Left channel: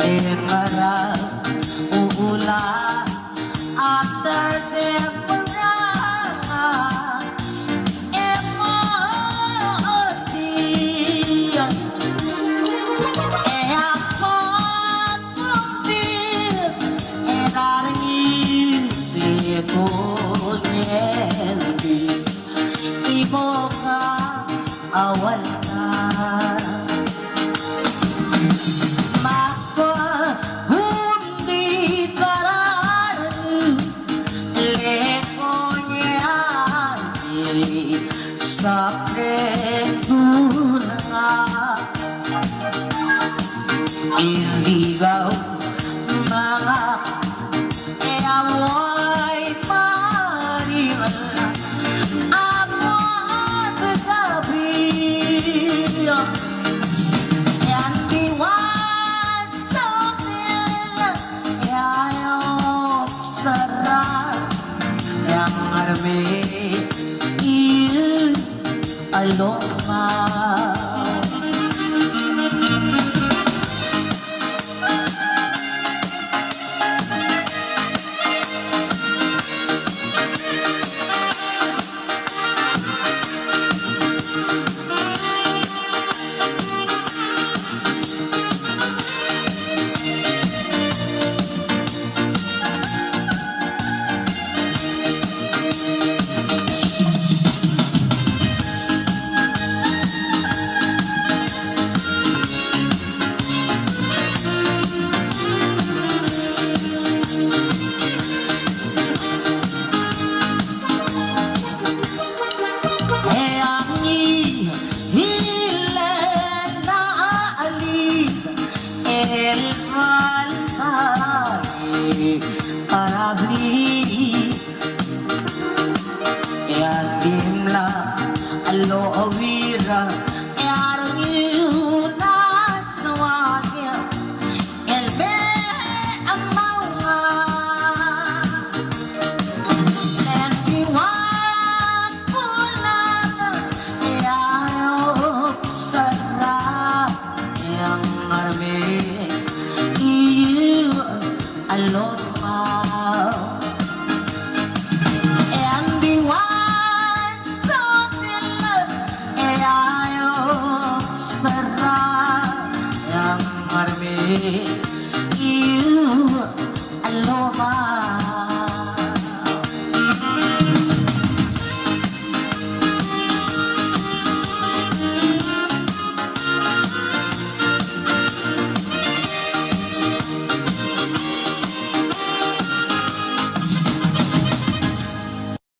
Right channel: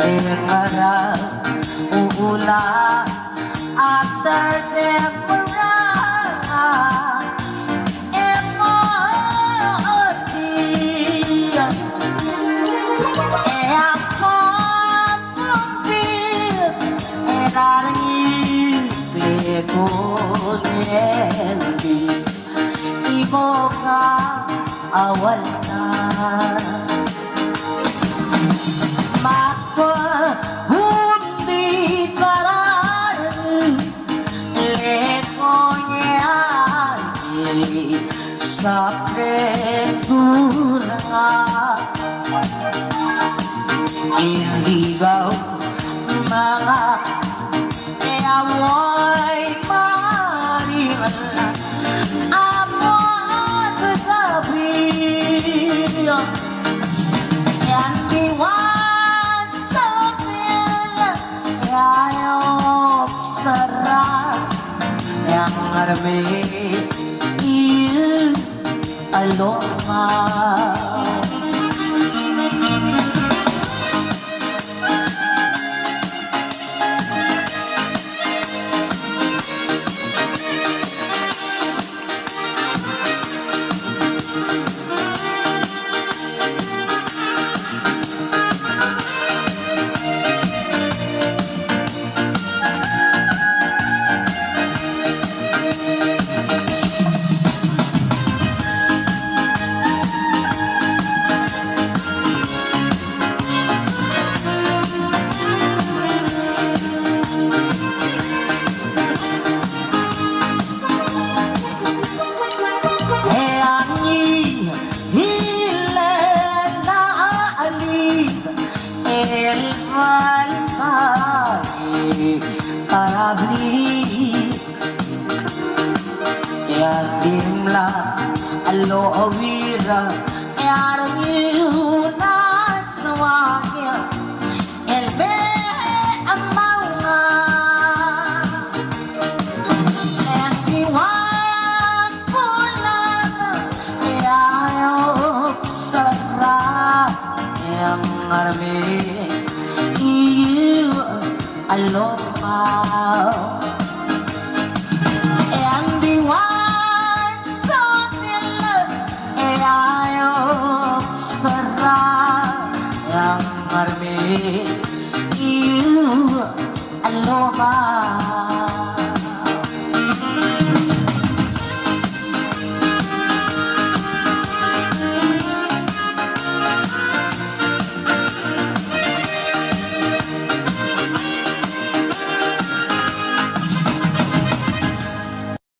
Engarap uulan after temporada emoji e appuntir e darmi le coglienti i boca awal ka maka hundi parani le coglienti sapre kurang iligaw mga amoy maringan amor gabi yang diwasotin ayok sarap yang armi il aloma. Alo awira yarnya naswanya elbe amawa ekiwan kulang ayok sarap yang arme iyo alok